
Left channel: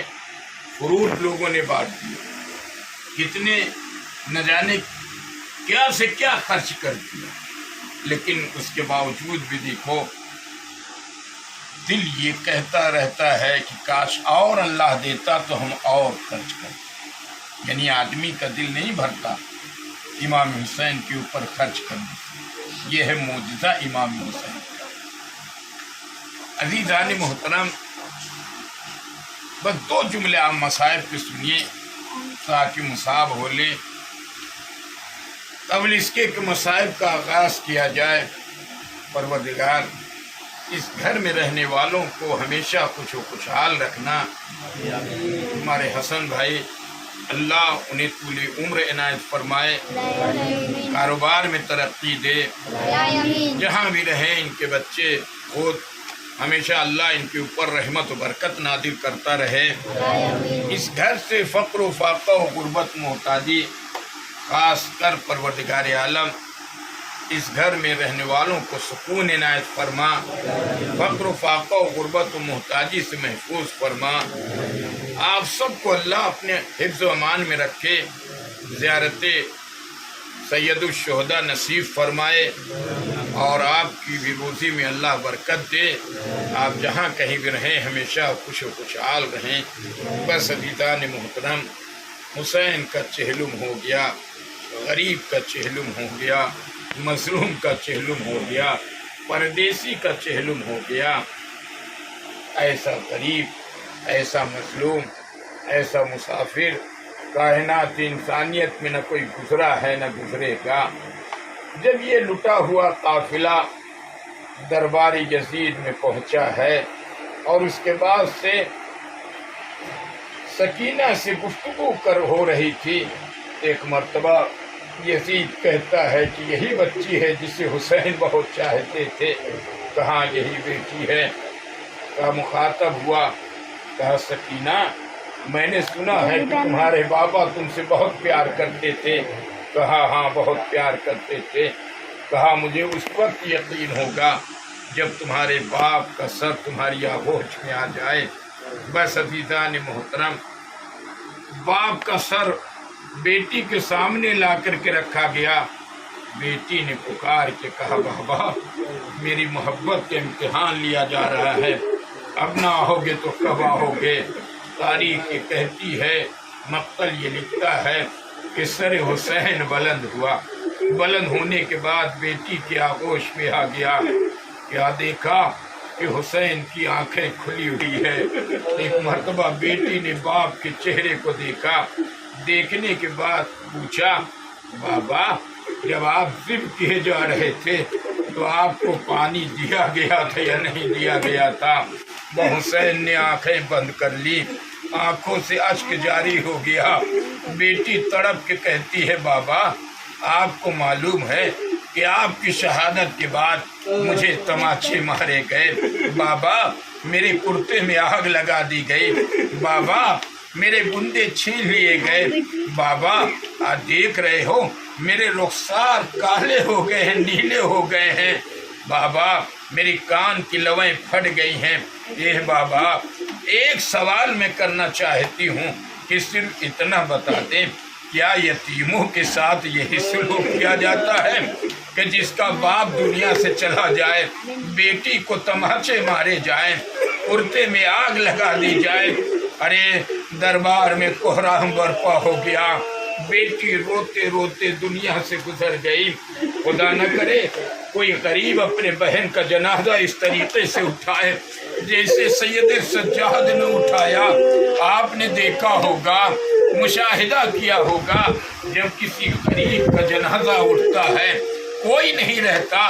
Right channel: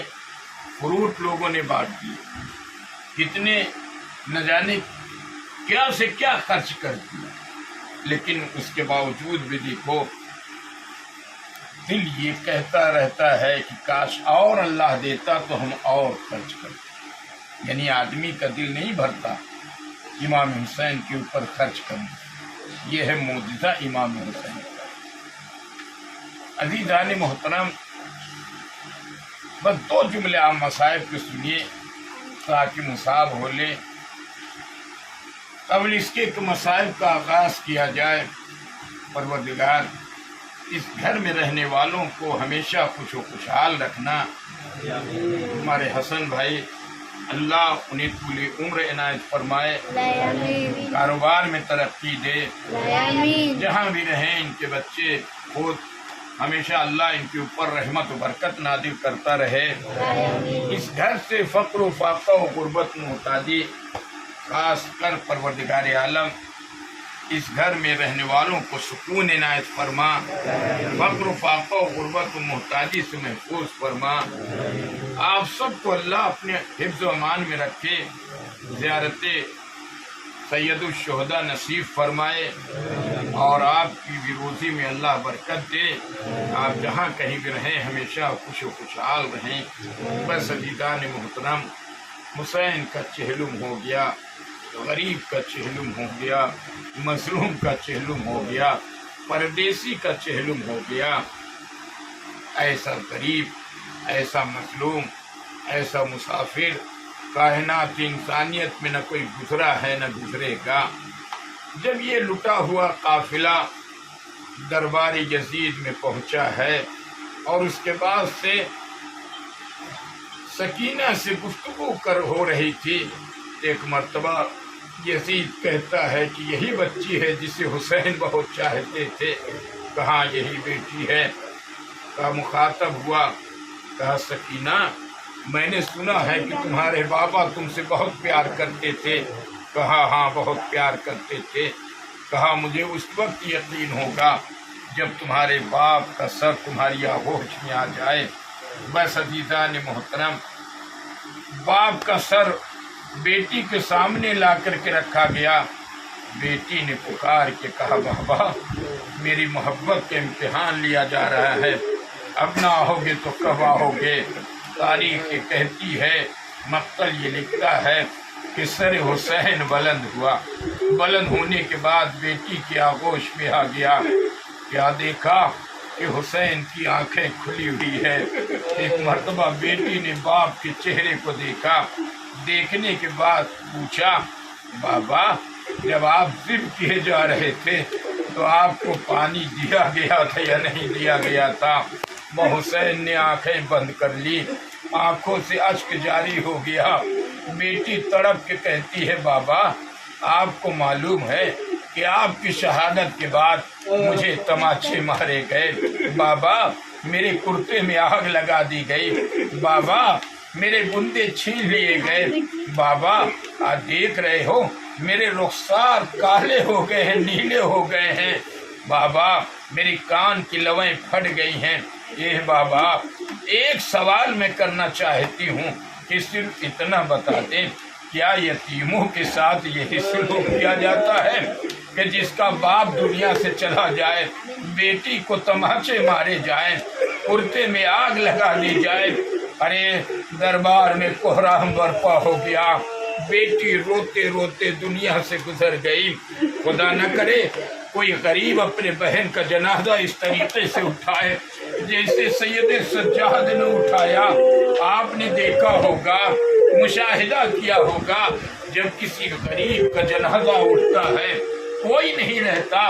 فروٹ لوگوں نے بانٹ دیے۔ کتنے نہ جانے کیا سے کیا خرچ کر دیا، لیکن اس کے باوجود بھی دیکھو دل یہ کہتا رہتا ہے کہ کاش اور اللہ دیتا تو ہم اور خرچ کرتے۔ یعنی آدمی کا دل نہیں بھرتا امام حسین کے اوپر خرچ کرنا، یہ ہے معجزہ امام حسین کا۔ عزیزان محترم، بس 2 جملے آپ مصائب کے سنیے تاکہ مصاب ہو لیں۔ قبل اس کے کہ مصائب کا آغاز کیا جائے، پروردگار اس گھر میں رہنے والوں کو ہمیشہ خوش و خوشحال رکھنا۔ ہمارے حسن بھائی، اللہ انہیں طول عمر عنایت فرمائے، کاروبار میں ترقی دے، جہاں بھی رہیں ان کے بچے خود ہمیشہ اللہ ان کے اوپر رحمت و برکت نازل کرتا رہے۔ اس گھر سے فقر و فاقہ و غربت محتاجی خاص کر پروردگار عالم اس گھر میں رہنے والوں کو سکون عنایت فرما، فقر و فاقہ و غربت و محتاجی سے محفوظ فرما۔ آپ سب کو اللہ اپنے حفظ و امان میں رکھے، زیارت سید الشہداء نصیب فرمائے، اور آپ کی بھی روزی میں اللہ برکت دے۔ آپ جہاں کہیں بھی رہیں ہمیشہ خوش و خوشحال رہیں۔ بس عزیزان محترم، حسین کا چہلم ہو گیا، غریب کا چہلم ہو گیا، مظلوم کا چہلم ہو گیا، پردیسی کا چہلم ہو گیا۔ ایسا غریب، ایسا مظلوم، ایسا مسافر کائنات انسانیت میں نہ کوئی گزرا ہے نہ گزرے گا۔ جب یہ لٹا ہوا قافلہ دربار یزید میں پہنچا ہے اور اس کے بعد سے سکینہ سے گفتگو ہو رہی تھی، ایک مرتبہ یزید کہتا ہے کہ یہی بچی ہے جسے حسین بہت چاہتے تھے۔ کہاں یہی بیٹی ہے؟ کہا مخاطب ہوا، کہا سکینہ میں نے سنا ہے کہ تمہارے بابا تم سے بہت پیار کرتے تھے۔ کہا ہاں بہت پیار کرتے تھے۔ کہا مجھے اس وقت یقین ہوگا جب تمہارے باپ کا سر تمہاری آغوش میں آ جائے۔ بس عزیزان محترم، باپ کا سر بیٹی کے سامنے لا کر کے رکھا گیا۔ بیٹی نے پکار کے کہا بابا میری محبت کا امتحان لیا جا رہا ہے، اب نہ آؤ گے تو کب آؤ گے؟ تاریخ یہ کہتی ہے، مقتل یہ لکھتا ہے کہ سر حسین بلند ہوا، بلند ہونے کے بعد بیٹی کی آغوش میں آ گیا۔ کیا دیکھا کہ حسین کی آنکھیں کھلی ہوئی ہے۔ ایک مرتبہ بیٹی نے باپ کے چہرے کو دیکھا، دیکھنے کے بعد پوچھا بابا جب آپ ضد کیے جا رہے تھے تو آپ کو پانی دیا گیا تھا یا نہیں دیا گیا تھا؟ حسین نے آنکھیں بند کر لی، آنکھوں سے اشک جاری ہو گیا۔ بیٹی تڑپ کے کہتی ہے بابا آپ کو معلوم ہے کہ آپ کی شہادت کے بعد مجھے تماچے مارے گئے، بابا میرے کرتے میں آگ لگا دی گئی، بابا میرے بندے چھین لیے گئے، بابا آپ دیکھ رہے ہو میرے رخسار کالے ہو گئے ہیں، نیلے ہو گئے ہیں، بابا میری کان کی لویں پھٹ گئی ہیں۔ یہ بابا ایک سوال میں کرنا چاہتی ہوں کہ صرف اتنا بتا دیں، کیا یتیموں کے ساتھ یہی سلوک کیا جاتا ہے کہ جس کا باپ دنیا سے چلا جائے بیٹی کو تماچے مارے جائیں، کرتے میں آگ لگا دی جائے؟ ارے دربار میں کوہرام برپا ہو گیا، بیٹی روتے روتے دنیا سے گزر گئی۔ خدا نہ کرے کوئی غریب اپنے بہن کا جنازہ اس طریقے سے اٹھائے جیسے سید سجاد نے اٹھایا۔ آپ نے دیکھا ہوگا، مشاہدہ کیا ہوگا، جب کسی غریب کا جنازہ اٹھتا ہے کوئی نہیں رہتا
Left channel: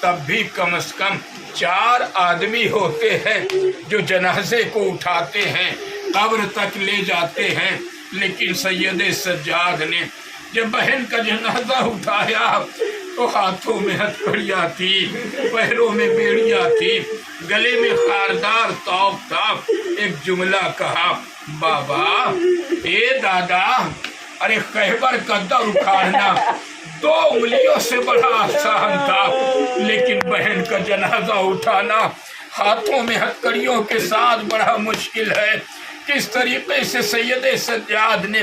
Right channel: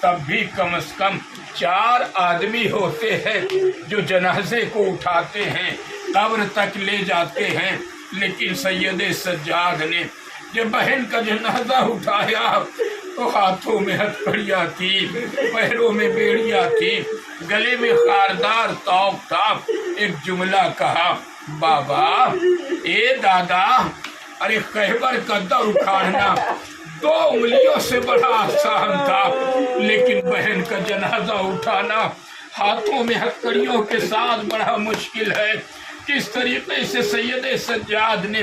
تب بھی کم از کم 4 آدمی ہوتے ہیں جو جنازے کو اٹھاتے ہیں، قبر تک لے جاتے ہیں۔ لیکن سید سجاد نے جب بہن کا جنازہ اٹھایا تو ہاتھوں میں ہتھکڑیاں تھی، پیروں میں بیڑیاں تھی، گلے میں خاردار توق تھا۔ ایک جملہ کہا بابا اے دادا، ارے خیبر کا در اکھاڑنا 2 انگلیوں سے بڑا آسان تھا، لیکن بہن کا جنازہ اٹھانا ہاتھوں میں ہتھکڑیوں کے ساتھ بڑا مشکل ہے۔ کس طریقے سے سید سجاد نے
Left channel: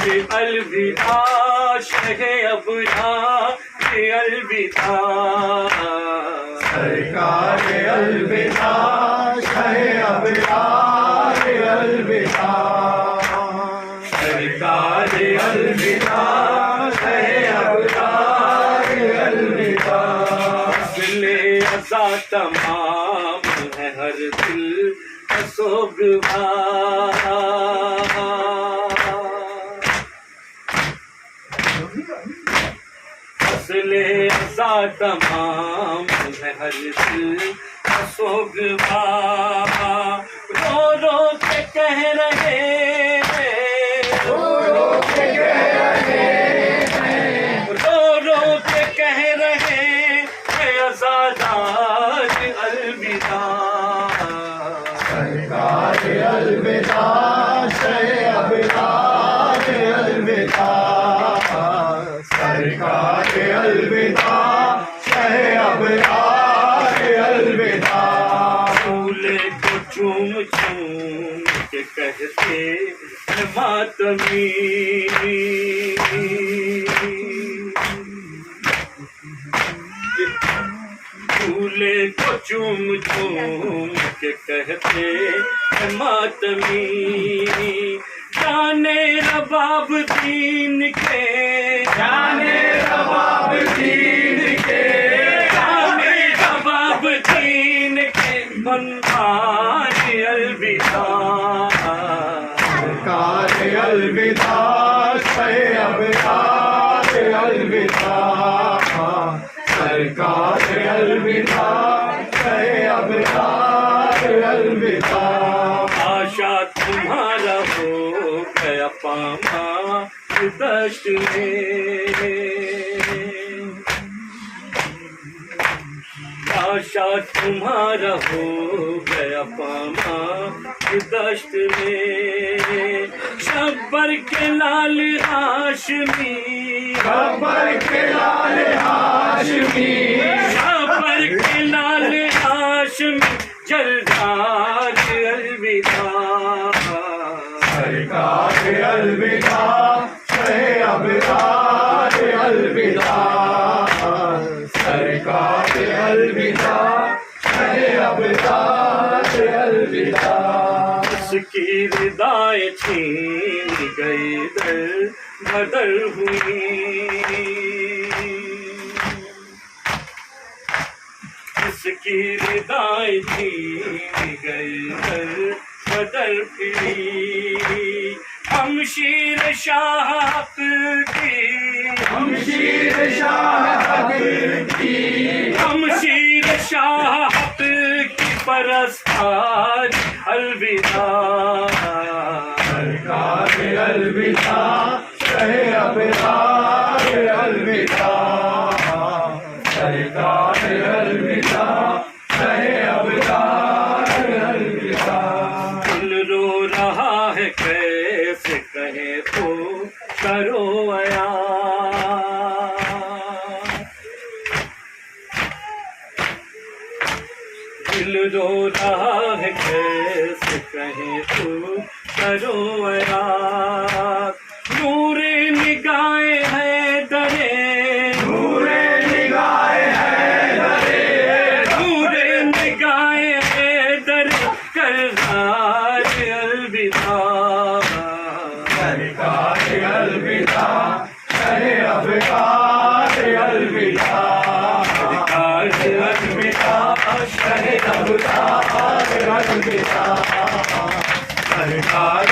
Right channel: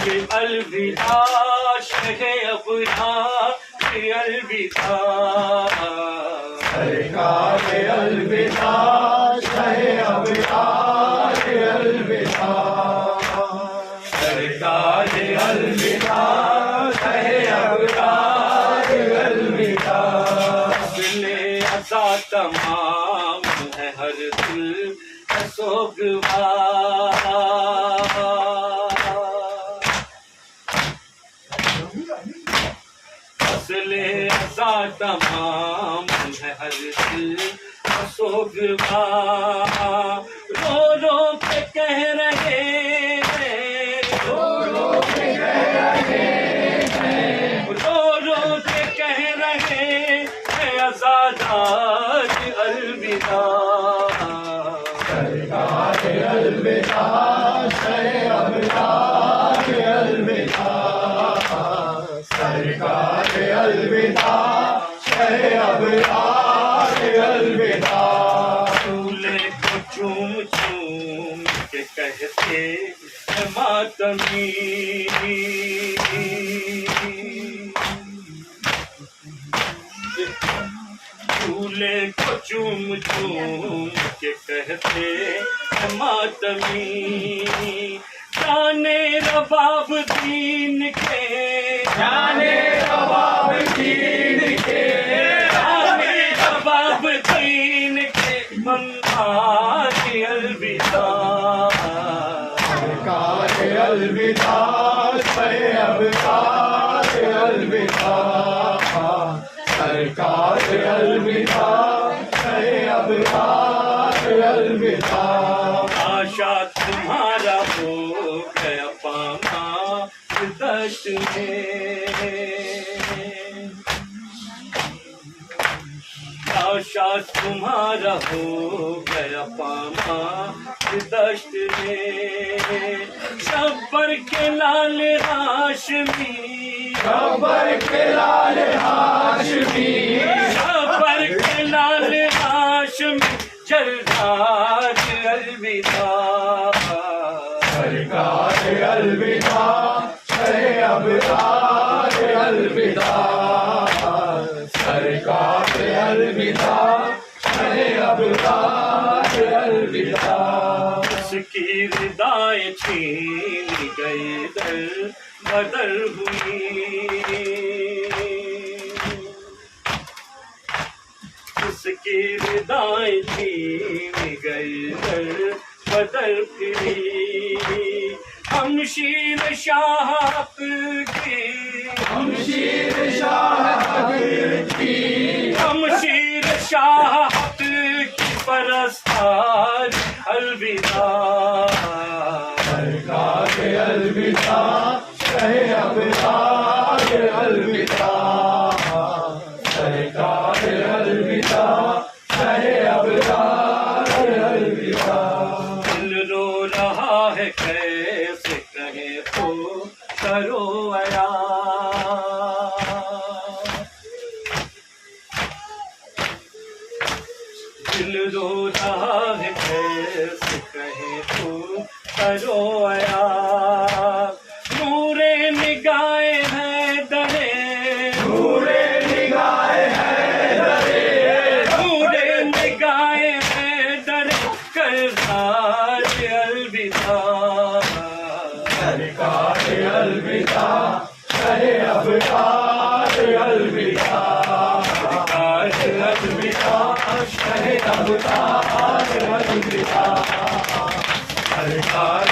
الوداع شہ ابرار الوداع سرکار الوداع شہ ابرار الوداع سرکار الوداع شہ ابرار الوداع دل ازا تمام ہے ہر دل سوگوار دل ازا تمام ہے ہر دل سوگوار رو رو کے کہہ رہے رو رو کے کہہ رہے کہ آزادار الوداع سرکار الوداع شہ ابرار الوداع سرکار الوداع شہ ابرار الوداع پھولے کو چوم چوم کے کہتے ہیں ماتمی پھولے کو چوم چوم کے کہتے ہیں ماتمی جانے رباب دین کے جانے رباب دین کے جانے رباب دین کے منان الوداع سرکار الوداع شہ ابرار الوداع سرکار الوداع شہ ابرار الوداع آشا تمہارا ہو گیا پاما دشت میں آشا تمہارا ہو گیا پاما دشت میں شبر کے لال ہاشمی خبر کے لال ہاشمی شبر کے لال ہاشمی جلدار الوداع سرکار الوداع شہ ابرار الوداع سرکار الوداع شہ ابرار الوداع اس کی ردائیں چھین گئی در بدر ہوئی اس کی ردائیں چھین گئی در بدر پھری ہم شیر شاہ کی ہم شیر شاہ کی ہم شیر شاہ کی پرستار الوداع سرکار الوداع شہ ابرار الوداع سرکار الوداع شہ ابرار الوداع دل رو رہا ہے کیسے کہیں تو کرو عیا دل رو رہا ہے کیسے کہیں تو کرو عیا نور نگاہ ہے درے نور نگاہ حیدر نور نگاہ ہے درے کردار الوداع سرکار الوداع شہ ابرار الوداع سرکار الوداع شہ ابرار الوداع سرکار